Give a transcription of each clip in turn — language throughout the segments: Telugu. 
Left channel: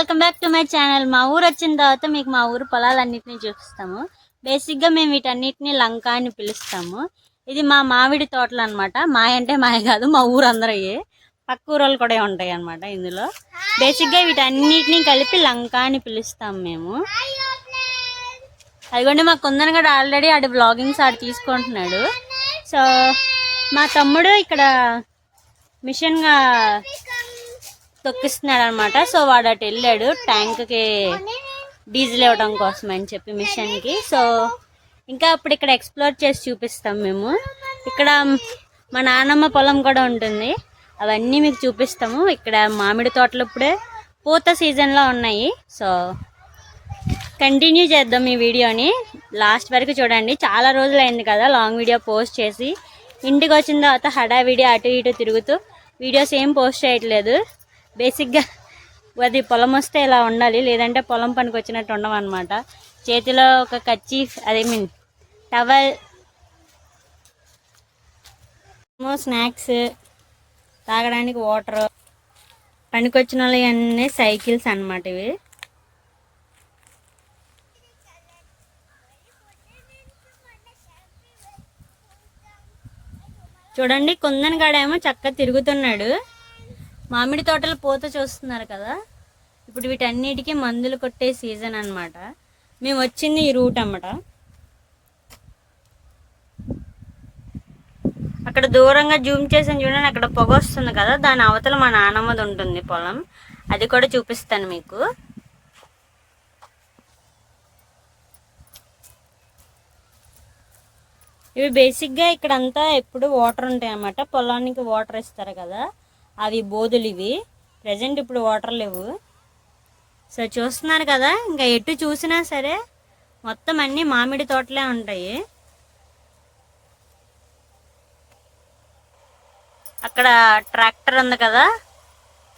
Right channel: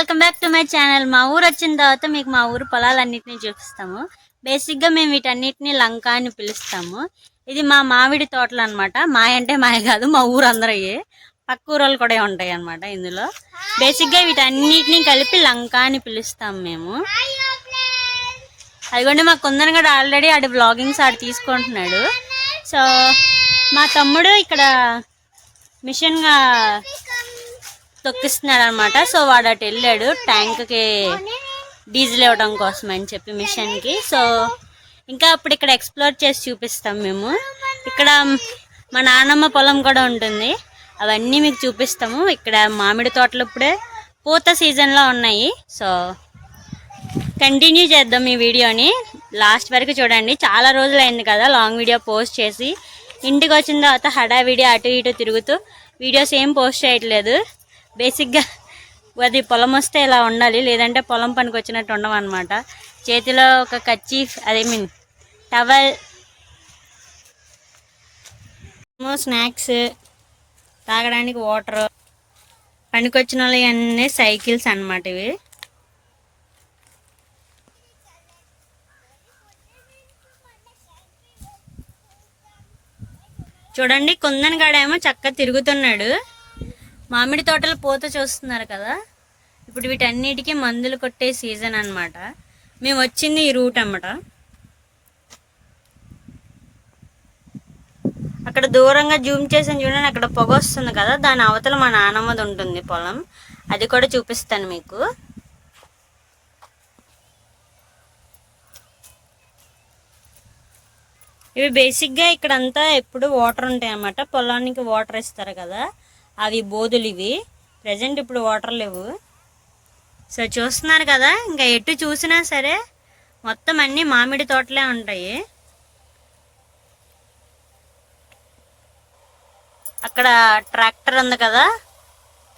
Welcome back to my channel. మా ఊరు వచ్చిన తర్వాత మీకు మా ఊరు పొలాలన్నిటిని చూపిస్తాము. బేసిక్గా మేము వీటన్నిటిని లంక అని పిలుస్తాము. ఇది మా మామిడి తోటలు అనమాట మా అంటే మాయ కాదు మా ఊరు అందరయ్యే. పక్క ఊరోళ్ళు కూడా ఉంటాయి అనమాట ఇందులో. బేసిక్గా వీటన్నిటిని కలిపి లంక అని పిలుస్తాం మేము. అదిగోండి మా కుందన్ కూడా ఆల్రెడీ ఆడి బ్లాగింగ్స్ ఆడు తీసుకుంటున్నాడు. సో మా తమ్ముడు ఇక్కడ మిషన్గా తొక్కిస్తున్నాడు అనమాట సో వాడు అటు వెళ్ళాడు ట్యాంక్కి డీజిల్ ఇవ్వడం కోసం అని చెప్పి మిషన్కి. సో ఇంకా అప్పుడు ఇక్కడ ఎక్స్ప్లోర్ చేసి చూపిస్తాం మేము. ఇక్కడ మా నాన్నమ్మ పొలం కూడా ఉంటుంది. అవన్నీ మీకు చూపిస్తాము. ఇక్కడ మామిడి తోటలు ఇప్పుడే పూత సీజన్లో ఉన్నాయి. సో కంటిన్యూ చేద్దాం ఈ వీడియోని. లాస్ట్ వరకు చూడండి. చాలా రోజులు అయింది కదా లాంగ్ వీడియో పోస్ట్ చేసి. ఇంటికి వచ్చిన తర్వాత హడావిడి అటు ఇటు తిరుగుతూ వీడియోస్ ఏం పోస్ట్ చేయట్లేదు. బేసిక్గా అది పొలం వస్తే ఇలా ఉండాలి లేదంటే పొలం పనికి వచ్చినట్టు ఉండమన్నమాట చేతిలో ఒక కచ్చీఫ్ అదే మీన్ టవల్ స్నాక్స్ తాగడానికి వాటర్ పనికొచ్చిన వాళ్ళు అన్నీ సైకిల్స్ అన్నమాట ఇవి. చూడండి కుందన్ గాడేమో చక్కగా తిరుగుతున్నాడు. మామిడి తోటలు పూత చూస్తున్నారు కదా? ఇప్పుడు వీటన్నిటికీ మందులు కొట్టే సీజన్ అన్నమాట. మేము వచ్చింది ఈ రూట్ అన్నమాట. అక్కడ దూరంగా జూమ్ చేసాను చూడండి అక్కడ పొగ వస్తుంది కదా దాని అవతల మా నానమ్మది ఉంటుంది పొలం. అది కూడా చూపిస్తాను మీకు. ఇవి బేసిక్గా ఇక్కడంతా ఎప్పుడు వాటర్ ఉంటాయి అన్నమాట పొలానికి వాటర్ ఇస్తారు కదా. అవి బోధులు ఇవి. ప్రజెంట్ ఇప్పుడు వాటర్ లేవు. సో చూస్తున్నారు కదా ఇంకా ఎటు చూసినా సరే మొత్తం అన్నీ మామిడి తోటలే ఉంటాయి. అక్కడ ట్రాక్టర్ ఉంది కదా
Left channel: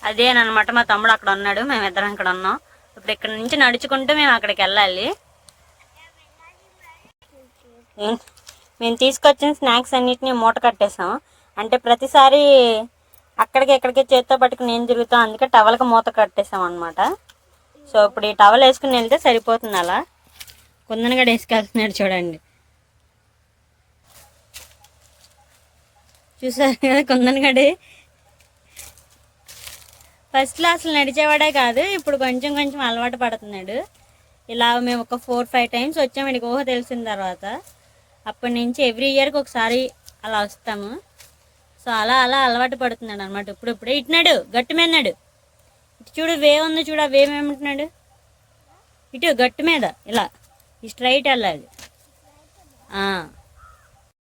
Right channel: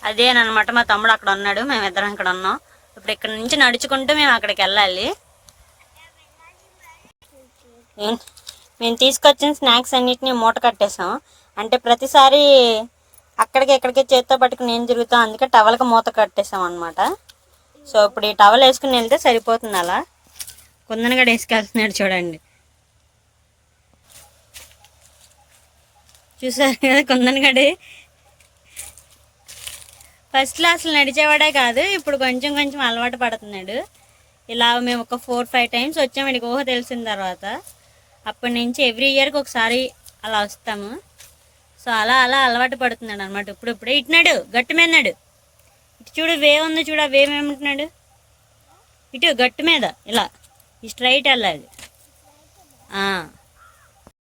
అదేనమాట మా తమ్ముడు అక్కడ ఉన్నాడు మేమిద్దరం అక్కడ ఉన్నాం. ఇప్పుడు ఇక్కడ నుంచి నడుచుకుంటూ మేము అక్కడికి వెళ్ళాలి. మేము తీసుకొచ్చిన స్నాక్స్ అన్నిటిని మూట కట్టేసాం అంటే ప్రతిసారి అక్కడికి ఎక్కడికి చేత్తో పట్టుకుని నేను తిరుగుతాం అందుకే టవల్కి మూత కట్టేసాం అనమాట సో ఇప్పుడు ఈ టవల్ వేసుకుని వెళ్తే సరిపోతుంది అలా. కుందనగడ వేసుకెళ్తున్నాడు చూడండి. చూసారు కదా కుందనగడి ఫస్ట్లో అసలు నడిచేవాడే కాదు ఇప్పుడు కొంచెం కొంచెం అలవాటు పడుతున్నాడు. ఇలా మేము ఒక ఫోర్ ఫైవ్ టైమ్స్ వచ్చాము ఇక ఊహ తెలిసిన తర్వాత. అప్పటి నుంచి ఎవ్రీ ఇయర్కి ఒకసారి అలా వస్తాము. సో అలా అలా అలవాటు పడుతున్నాడు అనమాట ఇప్పుడు ఇప్పుడే ఇటున్నాడు గట్టి మీదన్నాడు ఇటు చూడు వే ఉంది చూడు ఆ వే ఏమంటున్నాడు? ఇటు గట్టు మీద ఇలా. ఈ స్ట్రైట్ వెళ్ళాలి.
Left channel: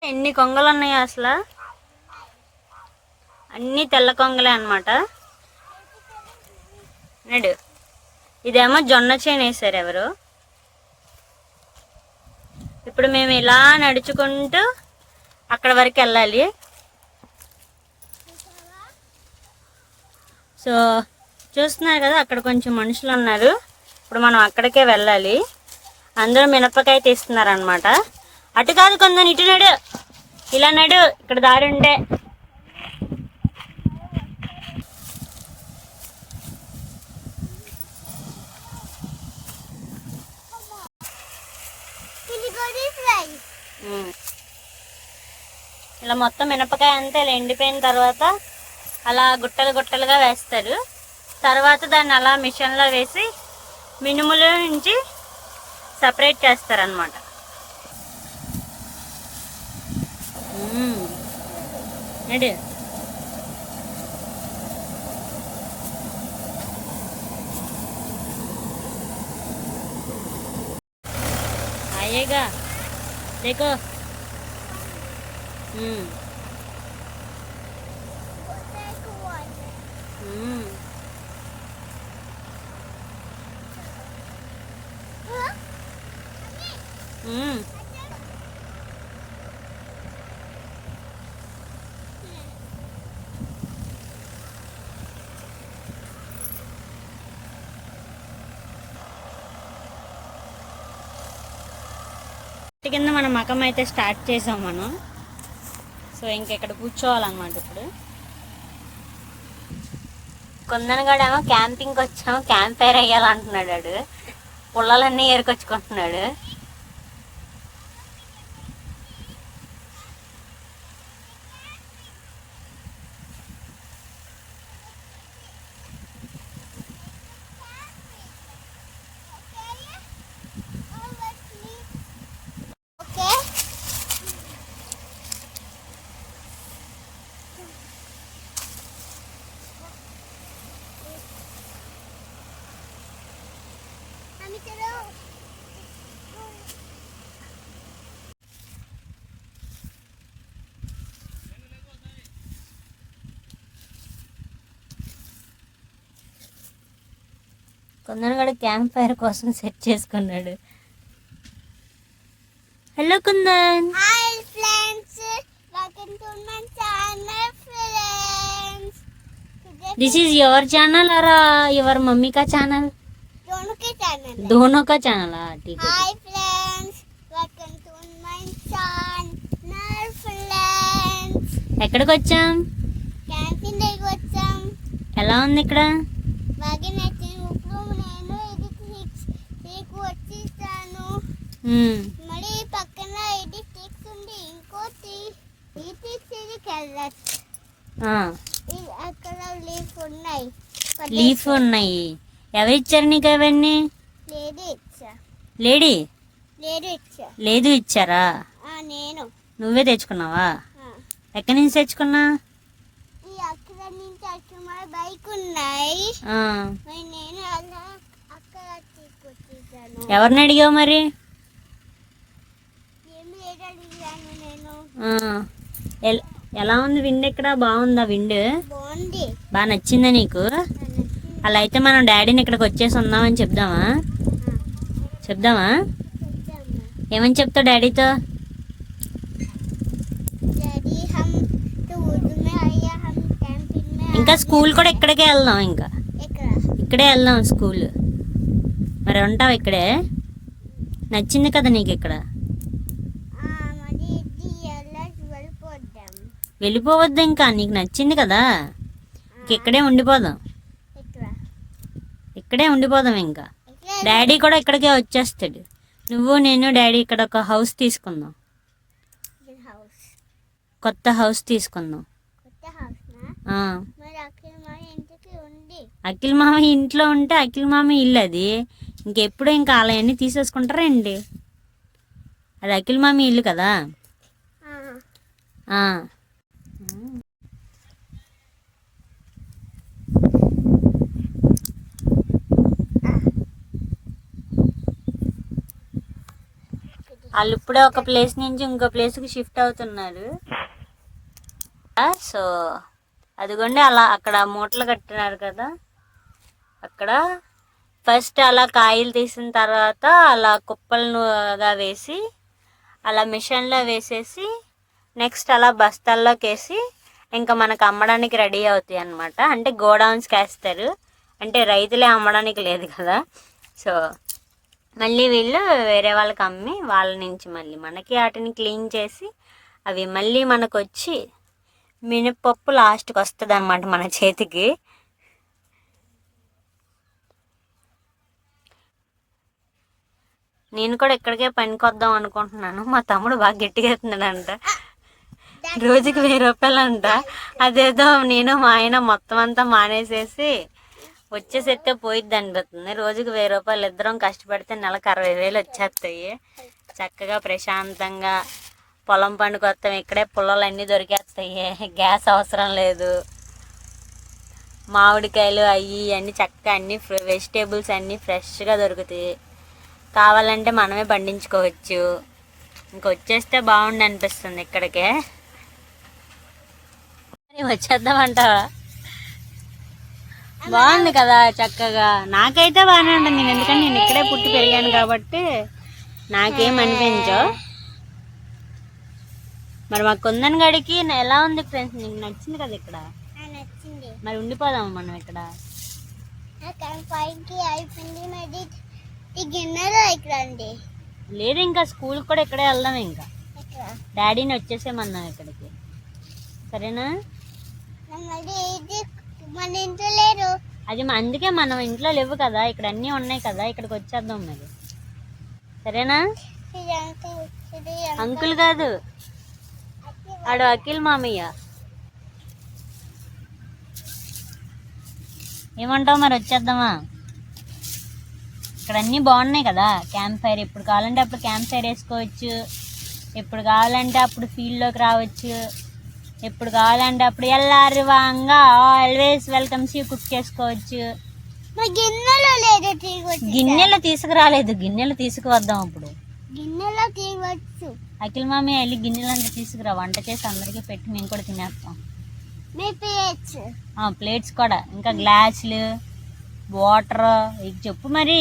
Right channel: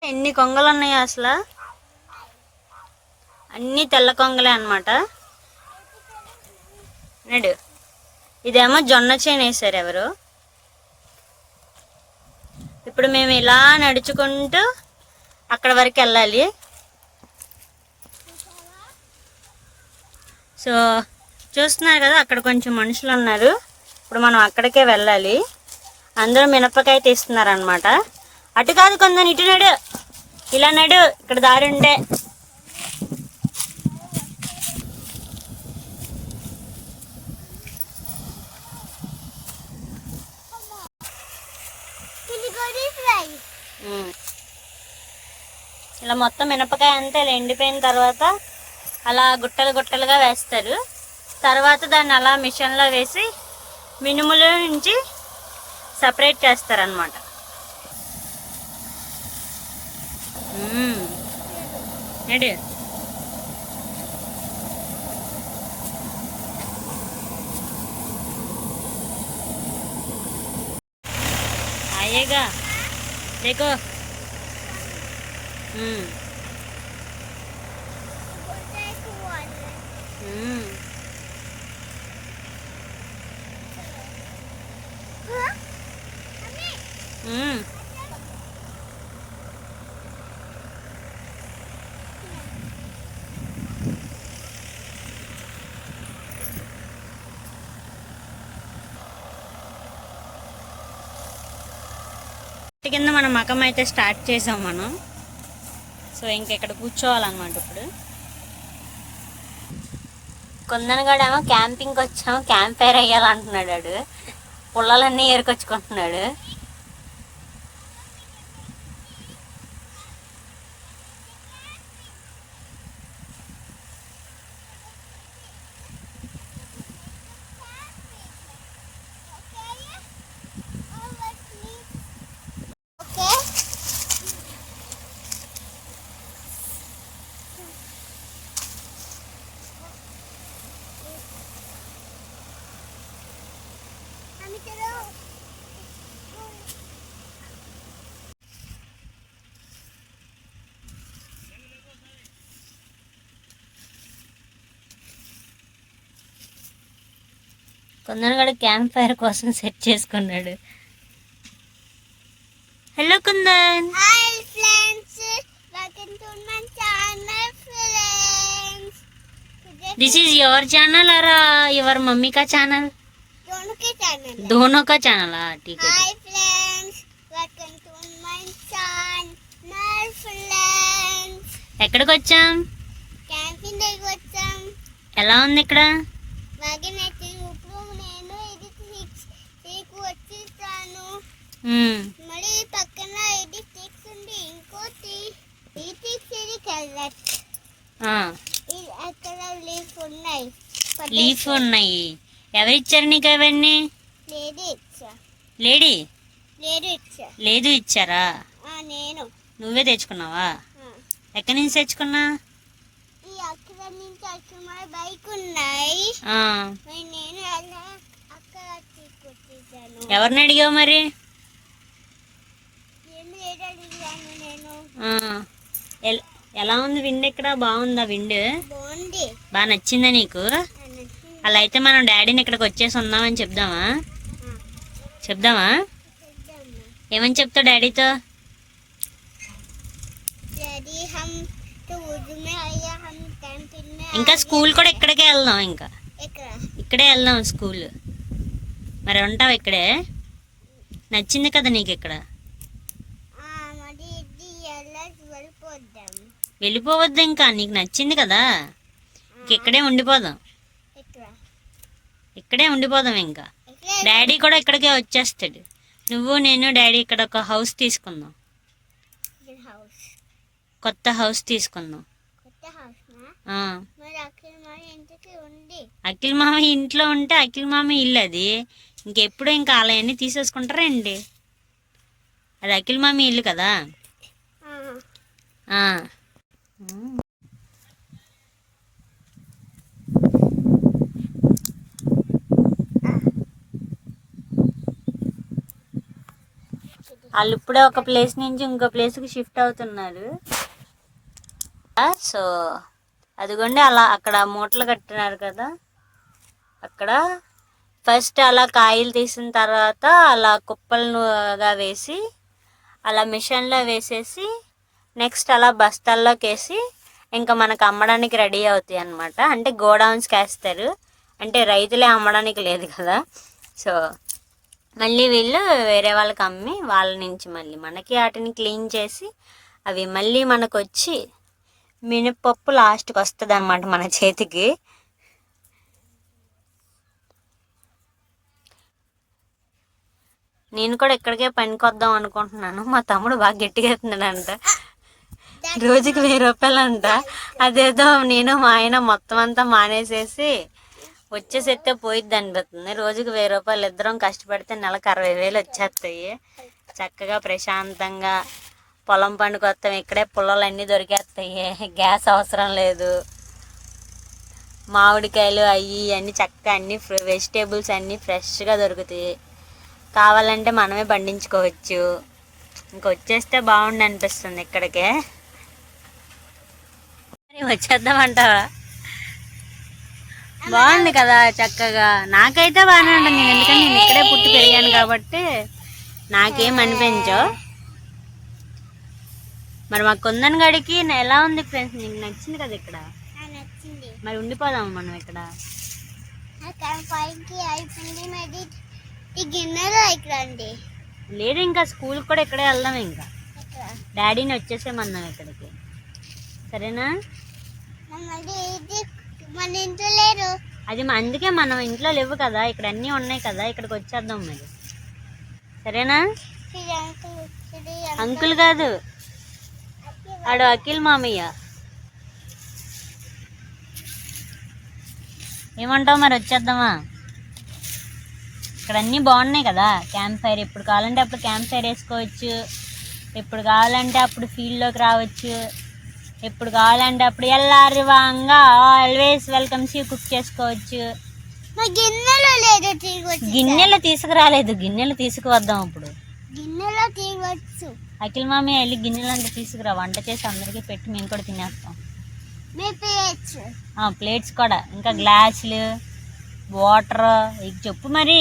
ఎన్ని కొంగలు ఉన్నాయి అసలు? అన్ని తెల్ల కొంగలే అనమాట నడు. ఇదేమో జొన్న చేను వేసారు ఎవరు? ఇప్పుడు మేము ఇలా నడుచుకుంటూ అక్కడ వరకు వెళ్ళాలి. సో చూస్తున్నారు కదా అక్కడ కొంచెం మనుషులు ఉన్నారు. ఇప్పుడు మనం అక్కడికే వెళ్ళాలి. అందరూ మినపకాయ తీస్తున్నారు అనమాట అటు కాదు కొందని ఇటు నడు. ఇలా నడు ఇక్కడ దారి ఉండే. ఇలా మొత్తం మినపకాయ అంతా ఇలా ఎండిపోయిన తర్వాత అలా గుట్టలు గుట్టలుగా వేస్తారు తర్వాత దాన్ని అలా మిషన్లో వేసి మినుముల నుంచి సపరేట్ చేస్తారనమాట నడు आएगा देखो हम्म కింద మనం మకం అయితే స్టార్ట్ చేసాం మనం. సో ఇంకెక్కడ కూర్చోవాలన్నమాట ఇప్పుడు. కుందనగాడేమో క్యాంపింగ్కి వచ్చాం క్యాంప్ ఫైర్ అయ్యాలంటున్నాడు పుల్లలన్నీ ఏరుకొచ్చుకుంటున్నాడు. కుందనగాడు క్యాంప్ ఫైర్ కోసం సెట్ చేసుకున్నాడు hello Kundan hi friends welcome to my channel friends this is your channel అరా యువర్ మమ్మీ కా ఛానల్ दोनों के चैनल दोनों का ఛానల్ ఠీక్ है hi friends welcome to my channel friends ఎక్కడికి వచ్చాం క్యాంటీన్ దగ్గరికి వచ్చాం ఎలా ఉంది ఇక్కడ మరి పక్కన ఇది ఉంది. ఈ ఇది కలర్ అక్కడ లీఫ్ ఉన్నాయి. లీఫ్ ఉన్నాయి. ఎవరిచ్చారు నీకు అవన్నీ? లేదు ఇచ్చా. లేడీ? లేదు ఇచ్చా. లేదు ఇచ్చారా? నేను. నువ్వే తెచ్చుకున్నావా. ఎక్కడి నుంచి తెచ్చుకున్నా? అక్కడ నుంచి అక్కడ బైక్ ఉన్నాయి. నేను అక్కడ ఎవరిని అడిగావు మరి ఏం లేదు అడిగాను నేను ఆ, ఎలా ఉంది విండ్ ఇక్కడ బాగుందా విండ్? బాగా నచ్చిందా నీకు? అలా అయితే మనం డాడీని ఇక్కడికి వచ్చేసి ఉందామని చెప్దామా? చెప్దామా? ఏమని చెప్తా డాడీతో? ఇంకా స్కూల్ కూడా ఇక్కడికే వెళ్దాం ఇంకా. ఇక్కడే వెళ్దాం స్కూల్. మరి ఉంటావు ఇక్కడే? నచ్చింది కదా నీకు ఇక్కడ? వెళ్ళిపోవద్దు ఇంకా నీకు నచ్చింది కదా. ఇంక ఇక్కడే ఉండిపోదాం. ఇక్కడ ఉండిపోదాం ఇంకా. డాడీ కూడా ఇక్కడికే వచ్చేస్తాడు. నువ్వు నేను డాడీ ఇక్కడ ఒక హౌస్ తీసుకుందాం. హౌస్. కొత్త హౌస్ తీసుకుందాం. అఖిల్ మామ ఇంట్లో ఉంటే అఖిల్ మామ ఇల్లు అది. ఇంకెప్పుడు ఇంకా అలా అన్నీ తీసేసుకుంటారండి అది అఖిల్ మామ ఇల్లు కదా. వాళ్ళు ఇప్పుడే ఒక ప్లేస్ నుంచి ఇంకో ప్లేస్కి షిఫ్ట్ అవుతున్నారు. సో అదిగోండి అలా అక్కడ మూటలు కట్టినారు కదా. అక్కడ ఫస్ట్ అలా కాయలు తీసిన తర్వాత అలా కుప్పలుగా వేసి అలా మిషన్లో వేసేసి నెక్స్ట్ అలా బస్తాల్లోకి వేసి ఇంకా మనకు అమ్మడానికి రెడీ అవుతాయి అన్నమాట. అంటే గోడౌన్స్కి వేస్తారు అంటే రైతులే అమ్మడానికి లేదు కదా. సో మళ్ళీ వీళ్ళు వేరే వాళ్ళకి అమ్మి వాళ్ళ నుంచి మళ్ళీ మనకి వాటిని క్లీన్ చేసి అవి మళ్ళీ మనకు వచ్చి మినపప్పు లాస్ట్కి వస్తుంది అనమాట మన చేతికి. నేను కూడా ఇక్కడికే పనికొద్దాం అనుకుంటున్నాను. మా తమ్ముడు బాగా గట్టిగా ఎత్తున్నాడంట రోజుకి వెయ్యి రూపాయలు అంట అదేదో నేను మా ఆయన మొత్తం అంతా మానేసేసి వచ్చేసెత్తే పోయిద్ది అనిపిస్తుంది రోజుకి వెయ్యి రూపాయలు ఇద్దరం కష్టపడితే నెలకు అరవై వేలు వచ్చేస్తాయి. చక్కగా ప్రశాంతంగా పొలం పండుకొస్తాం ఇక్కడే పుల్లలు అన్నీ దొరికేస్తాయి. గ్యాస్ అవసరం లేదు. మామిడికాయలు అవి అన్నీ చక్కగా అన్నీ వెజిటేబుల్స్ అన్నీ ఫ్రెష్గా దొరుకుతాయి. కావాలంటే మనమే పండించుకోవచ్చు. ఇంకొచ్చేస్తే బాగుండు అనిపిస్తుంది ఇక్కడికే. వచ్చేద్దామంటావా? బాగుంది కదా చక్కగా. నాకైతే బాగానే ఉంటుంది. నేను ఎందుకంటే నేను ఇక్కడే పుట్టి పెరిగాను కాబట్టి నాకేం అనిపించో మరి మా కుందన్ గడికి ఎలా ఉంది ఫ్రెండ్స్? నీకు నచ్చింది కదా ఇక్కడ? మరి ఉండిపోదాం మనం ఇక్కడ. లేదు ఇంకా స్కూల్ కూడా ఇక్కడే వెళ్దాం ఇంకా. డాడీని వచ్చేసేమన్నాం ఇక్కడికి. సరేనా మళ్ళీ ఇది మన ఇంట్లో లేరు అది అందుకే మనం ఇంట్లో లేవు కదా ఇక్కడ అన్నీ ఉన్నాయి కదా ఇక్కడికి వచ్చేద్దాం మరి. సరేనా? అంకుల్ కాదు ఆడు అఖిల్ మామయ్య. ఏమంటావు మరి వచ్చేద్దామా? ఇక్కడ అన్నీ బాగున్నాయి కదా క్యాంప్ ఫైర్ ఎప్పుడు కావాలంటే అప్పుడు క్యాంప్ ఫైర్ వేసుకోవచ్చు. ఎప్పుడు కావాలంటే అప్పుడు ఫీల్డ్లోకి రావచ్చు. ఎప్పుడు కావాలంటే అప్పుడు ఎల్లారి వాంగా ఆల్వేస్ వెల్కమ్ సి కుక్ చేసుకోవచ్చు. గిన్నెలో లేదు గిన్నెలు తీసుకురాలేదు గిన్నెలు తీసుకువద్దాం ఇప్పుడు గిన్నెలో తీగొచ్చు అఖిల్ మామయ్య వెళ్ళి గిన్నెలు అంటే తీసుకురా వంట చేసి అందరికీ పెట్టి మేము కూడా తినేస్తాం. ప్లేట్స్. కూడా. ఇంకా గ్లాసులు వాటర్ ఇక చెప్పు మరి.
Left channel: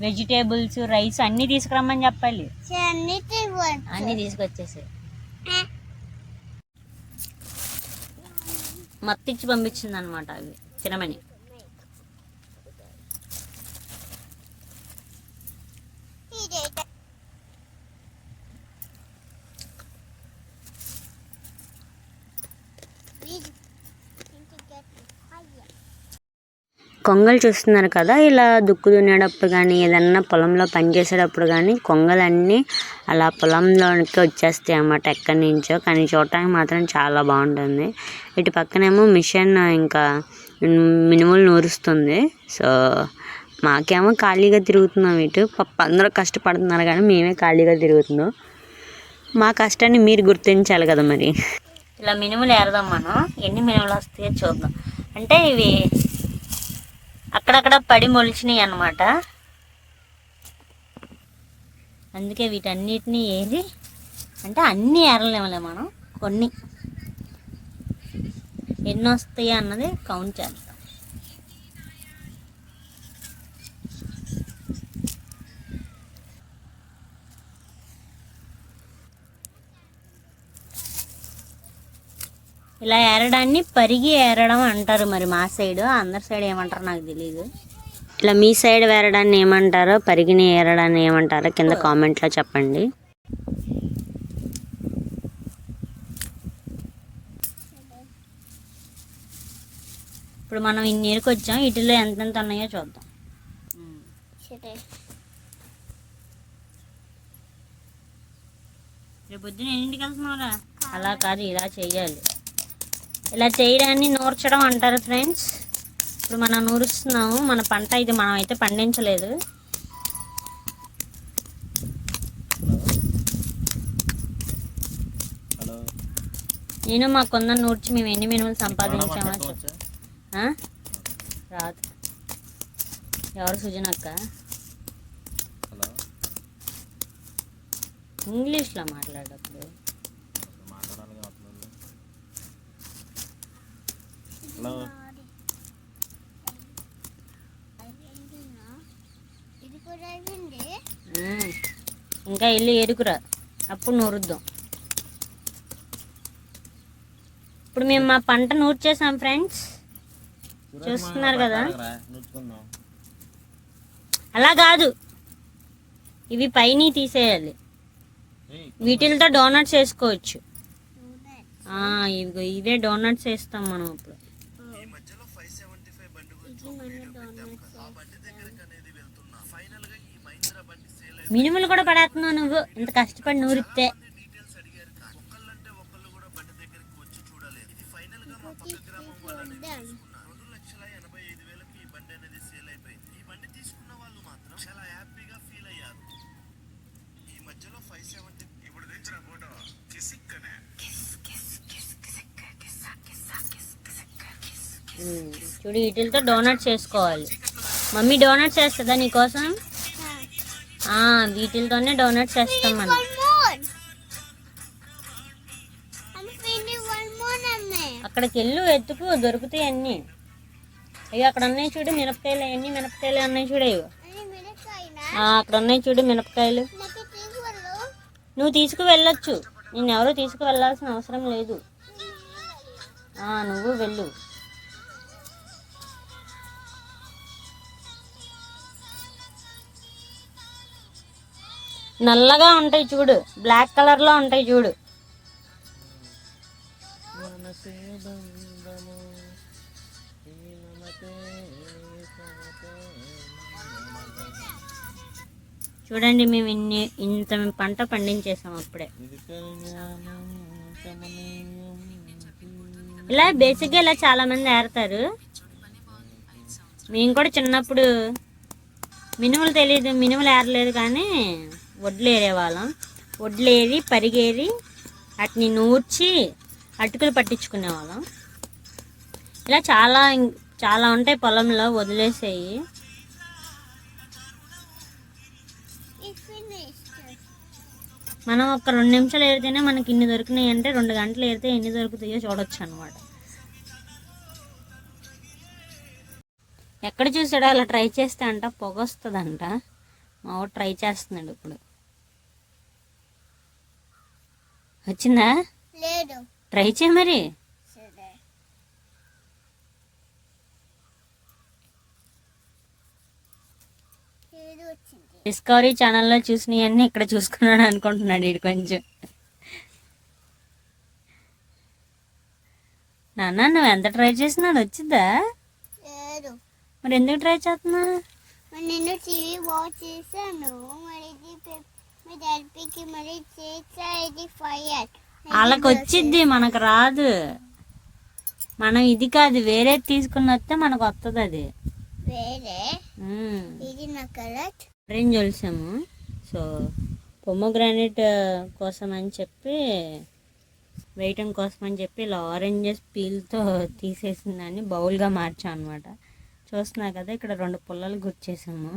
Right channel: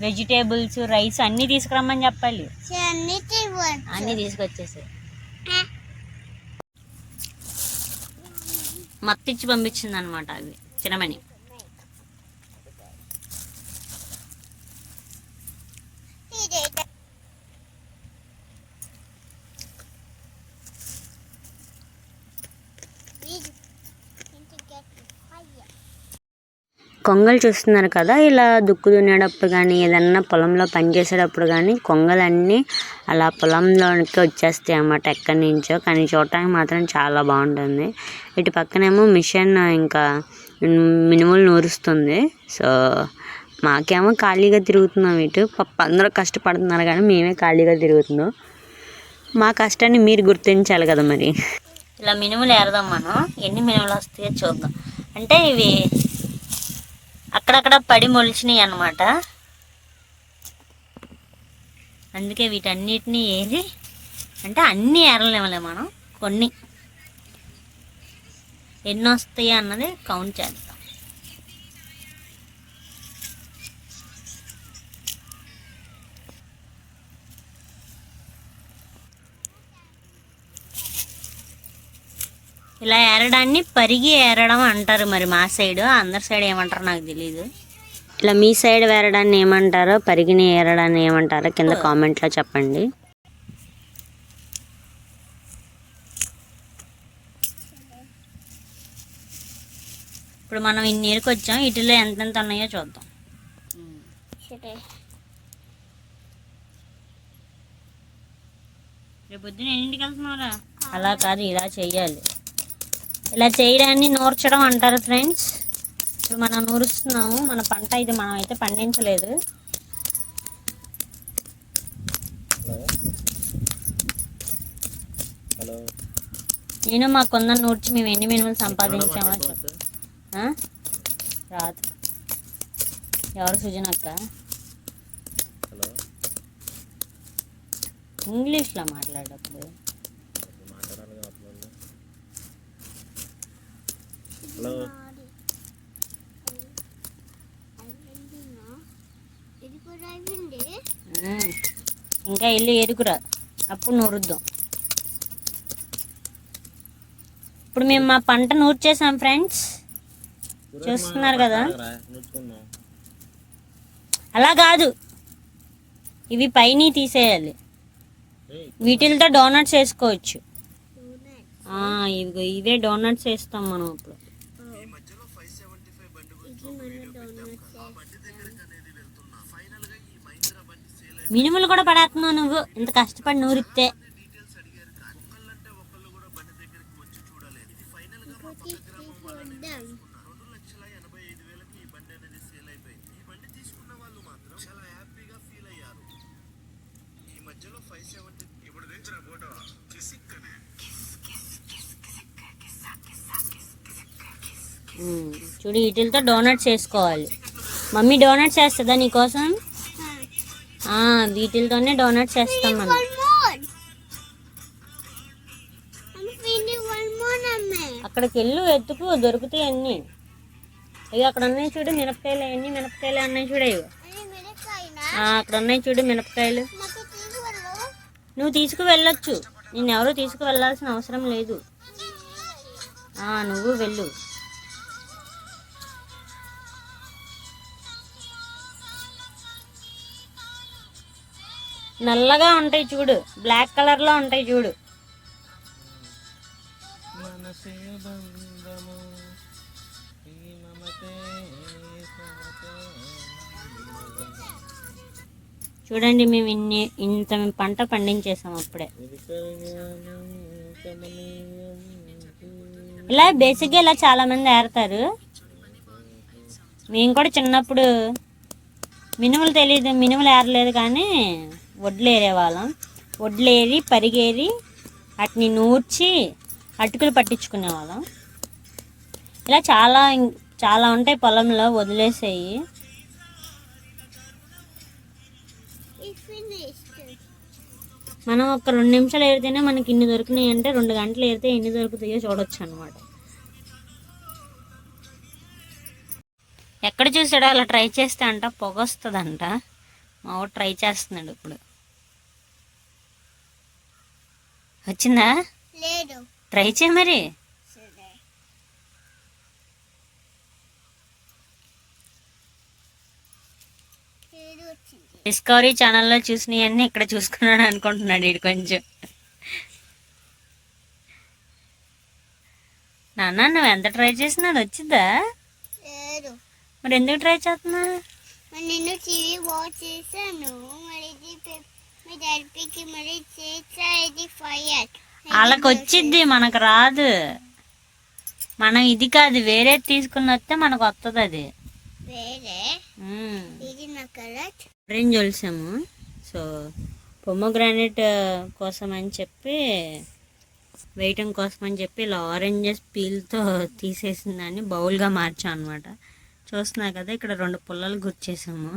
వెజిటేబుల్స్ రైస్ అన్నీ తీసుకురమ్మని చెప్పాలి. అన్ని తీగొచ్చు అన్నీ తీసుకొచ్చేసి మత్తిచ్చి పంపించింది అనమాట అవి. తినమని. కొంగలు చూస్తున్నారు కదా ఇలా దుక్కు దున్నేటప్పుడు కానీ ఏదన్నా పొలంలో పని చేసేటప్పుడు కానీ కొంగలన్నీ అలా పొలంలోనికి వచ్చేస్తాయి అన్నమాట ఎక్కడి నుంచో కానీ చూడటానికి మాత్రం చాలా బాగుంటుంది. ఇటు పక్కనేమో మిషన్ ఇంకా మినుములు నూరుస్తుంది. సో మాకేమో ఖాళీగా తిరుగుతున్నాం ఇటు. పప్ప అందరూ కష్టపడుతున్నారు కానీ మేమే ఖాళీగా తిరుగుతున్నాం. మా కష్టాన్ని మీరు గుర్తించాలి కదా మరి. ఇలా మినుములు ఏరదాం మనం. ఎన్ని మినుములు వస్తాయో చూద్దాం. అంటే ఇవి అక్కడక్కడ పడి మొలిచినాయి అన్నమాట అందుకే వీటన్నిటిని ఏరి అంటే అన్నీ ఏరలేమలే మనం కొన్ని. ఎన్ని వస్తాయి అన్నది కౌంట్ చేద్దాం. ఇలా ఏరడాన్ని పరిగి ఏరడం అంటారు మరి మా సైడు అందరి సైడ్ ఏమంటారు నాకు తెలియదు ఇలా మీ సైడ్ వేరడాన్ని ఏమంటారో పరిగిని ఏరడాన్ని ఏమంటారో కింద కామెంట్లో చెప్పండి. ఇప్పుడు మనం ఇన్ని ఏరుకొచ్చాం వీటిలో ఎంతెంత ఉన్నాయో చూద్దాం. రేపు పొద్దున ఎన్నింటికి వెళ్తున్నారా అలా కాదు ఇలా చెయ్యాలి. ఇలా చేయడాన్ని నూర్చడం అంటారు ఫ్రెండ్స్ ఇప్పుడు మనం నూరుస్తున్నాము. మన పంట ఇది మనం అయితే పండించలేదు నేను మా కొందరు నూర్చి మేము ఎన్ని మినుములు సంపాదించామో? రాదు. ఎవరు సుజనక్క ఇంగ్లీష్లో మాట్లాడప్పుడు కూడా అయింది ఉమ్. ఇంకా వెళ్ళి ఎరుకురా అప్పుడు నూరుద్దాం. ఇప్పుడు మేము మా పంట నూర్చేసాం ఫ్రెండ్స్. చూస్తున్నారు కదా? అలా కాదు. ఇవి పైన తీసేయాలి. వీటితో డోనట్స్ వేసుకోవచ్చు. ఆ, ఇవిగో ఇవే డోనట్స్ వేస్తాం మనం ఇప్పుడు ఇది మన డోనట్ మినుములు కూడా పడేస్తున్నావు నువ్వు ఇంత కష్టపడి నూరిస్తే చూడు వీటితో డోనట్స్ చేసుకోవాలి మమ్మీ డోనట్స్ వేస్తుందా నీకోసం వీటితోనే డోనట్స్ వేస్తాం మనం. అక్కడికి వెళ్ళు ఎత్తుకు దొరుకుతాయి అన్నీ. ఇవి అక్కడ ఉన్నాయి చూడు మినపకాయలు అన్ని మినపకాయలు ఉన్నాయి చూడు ఇవి అక్కడ ఉన్నాయి చూడు మినపకాయలు. నువ్వు తీసుకు వెళ్ళొచ్చు నేను ఎవరు తీసుకు వెళ్ళాల్సిన అవసరం లేదు. నువ్వు వెళ్ళు. నల్లగా ఉంటాయి చూడు. బ్లాక్ కలర్లో ఉంటాయి చూడు. చూడండి మేము ఇన్ని ఇంత పంట పండించేసాం అప్పుడే. ఇలా బేసిక్గా ఇలా చాలామంది ఏరుతారు. మేము కూడా చిన్నప్పుడు మినుములు తెలియదు మినుములు ఏరలేదు కానీ వడ్లు ఏరేవాళ్ళం వడ్లు పరిగేరి వాటిని నూర్చి అటుకులు పట్టించుకునే వాళ్ళం. ఇలా చాలా చాలా ఉంటాయి పొలంలో వదిలేసేయి. మనం ఒక రెండు నిమిషాలు ఏరితేనే మనకి ఇన్ని దొరికినాయి అంటే రెండు గంటలు ఏరితే ఎన్ని దొరుకుతాయో చూడొచ్చు అనమాట ఎక్కడ చూసాడో అలా ట్రై చేస్తే అంట పొగ వస్తుందంట. మా ట్రై చేస్తున్నాడు ఇప్పుడు. వచ్చిందా? లేదు. ట్రై చేయి మరి. డిస్కవరీ ఛానల్లో చూసినవన్నీ ఇక్కడ చూసుకున్నాడు అనుకుంటున్నాడు ఇడు కొంచెం. నాన్న నువ్వు ఎంత ట్రై చేసినా వచ్చిందా? లేదు. మరి ఎందుకు ట్రై చేస్తున్నా మరి నేను టీవీ వాచ్ చేశాను. మరి వాళ్ళకి వచ్చిద్ది మనకు రాదు. మనం ఇది కాదు వేరే తీసుకుని వస్తే మనకు వస్తుంది అది. ఆరెంజ్ ఒలిసాము సో పొమ్మగ్రానైట్ కోసం అని చెప్పి వేయటం కోసం అని చెప్పి ఇలా ఆరెంజెస్ పీల్తో తీసేసిన దాన్ని బౌల్గా మార్చాం అనమాట చూస్తున్నా కదా ఇక్కడ రెండు పుల్లలు గుర్చేసాము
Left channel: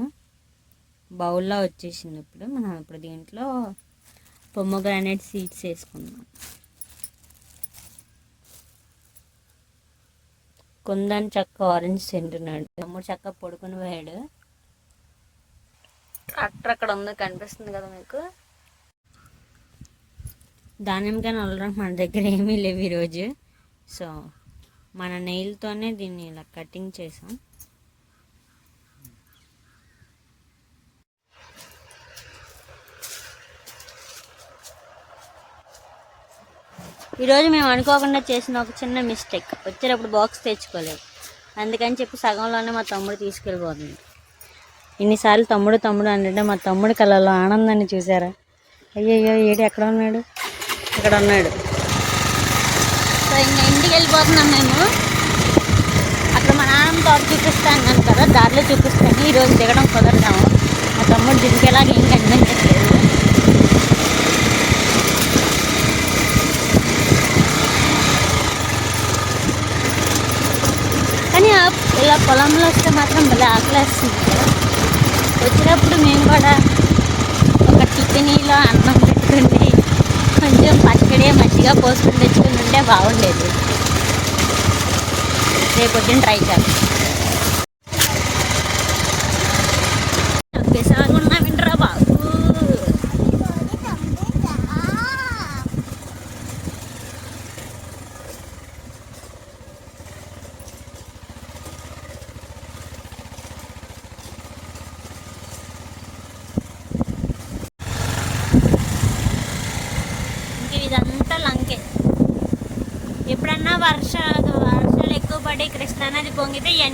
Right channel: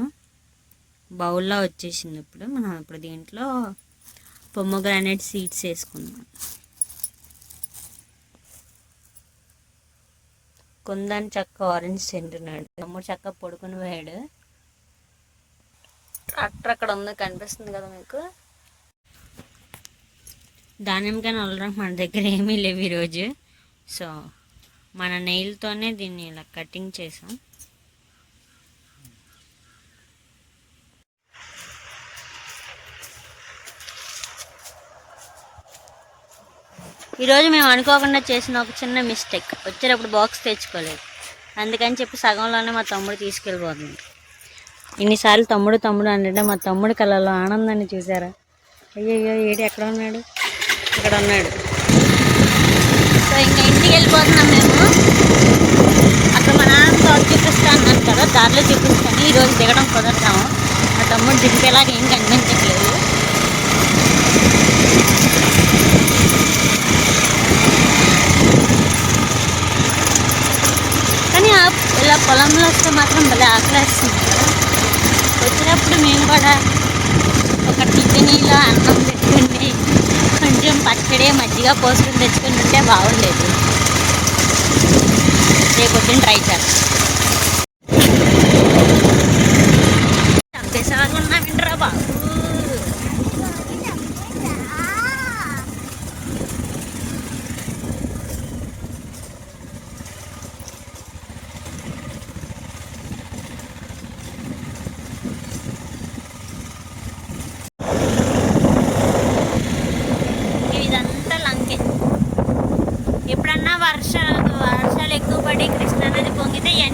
బౌల్లో వచ్చేసింది ఇప్పుడు మనం ఇప్పుడు దీంట్లో పొమ్మగ్రానైట్ సీడ్స్ వేసుకుందాం. కుందన్ చక్క ఆరెంజ్ తింటున్నాడు. తమ్ముడు చక్క పడుకుని పోయాడు. ట్రాక్టర్ అక్కడ ఉంది కనిపిస్తుంది కదా మీకు? దానిమ్మకాయ నల్లడానికి మన దగ్గర ఏమీ లేవు ఈరోజు. సో మన నెయిల్తోనే దీన్ని ఇలా కటింగ్ చేసాం. ఈరోజు మేము అనుకోకుండా చేసిన ఒక చిన్న మిస్టేక్ వచ్చేటప్పుడు బాక్స్ తెచ్చుకోలేదు. అందుకని చెప్పి సగంలోనే మా తమ్ముడు తీసుకెళ్ళిపోతుంది. ఇన్నిసార్లు తమ్ముడు తమ్ముడు అంటే మా తమ్ముడు కళ్ళలో ఆనందాన్ని చూసారా అయ్యయ్యో ఏడు ఎక్కడ ఉన్నాడు? ఇక్కడ ఉన్నాడు. సో ఇంకా ఇంటికి వెళ్ళిపోతున్నాం మేము. అక్కడ మా నాన్న తోట చూపిస్తాను అన్నాను కదా దారిలో చూపిస్తాను. ఈరోజు దిగడం కుదరదాము మా తమ్ముడు దింపేలాగా ఏం కనిపించట్లేదు కానీ ఆ- ఇలా పొలంలో వస్తే మాత్రం భలే ఆకలేస్తుంది కదా. వచ్చినప్పుడు మేము కూడా ఒక టిఫినీలో అన్నం పెట్టుకుని కొంచెం పచ్చడి మజ్జిగ పోసుకుని తెచ్చుకుని ఉంటే బాగుండేది. రేపు పొద్దున్న ట్రై చేస్తాం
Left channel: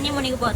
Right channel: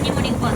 何にもリンクは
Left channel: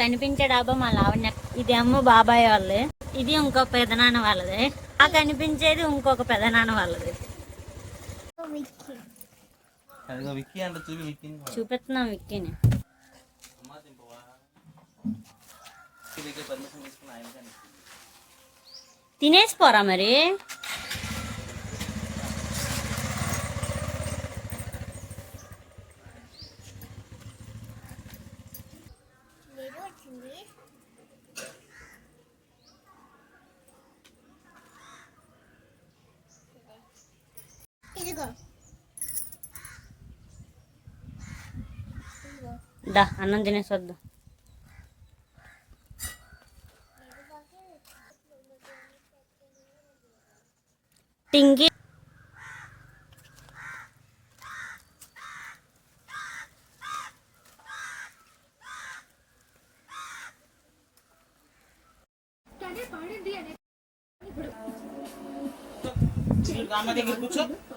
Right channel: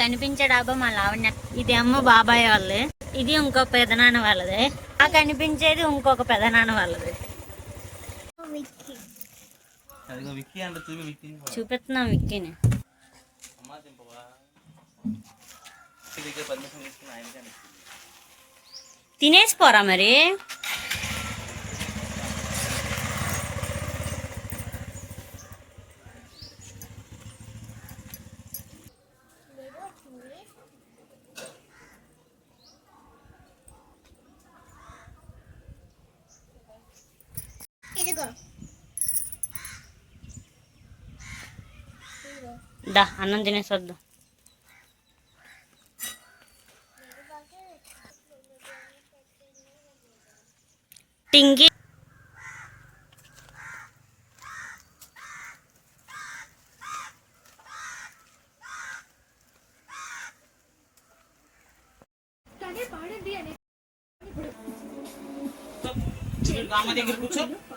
కనిపించే డాబా మా లావణ్య. ఇది అమ్మ బాబాయ్ వాళ్ళది. ఇది ఇంకో పెదనాన్న వాళ్ళది. ఆ కనిపించేది ఇంకొక పెదనాన్న వాళ్ళది. చూపిస్తున్నాం విక్కీని. తినేసి పోరా మరి? వచ్చింది ఇదిగో. దా అన్నం తినేసి వద్దాం టింగి అమ్మ దగ్గర కూర్చో కూర్చో కూర్చో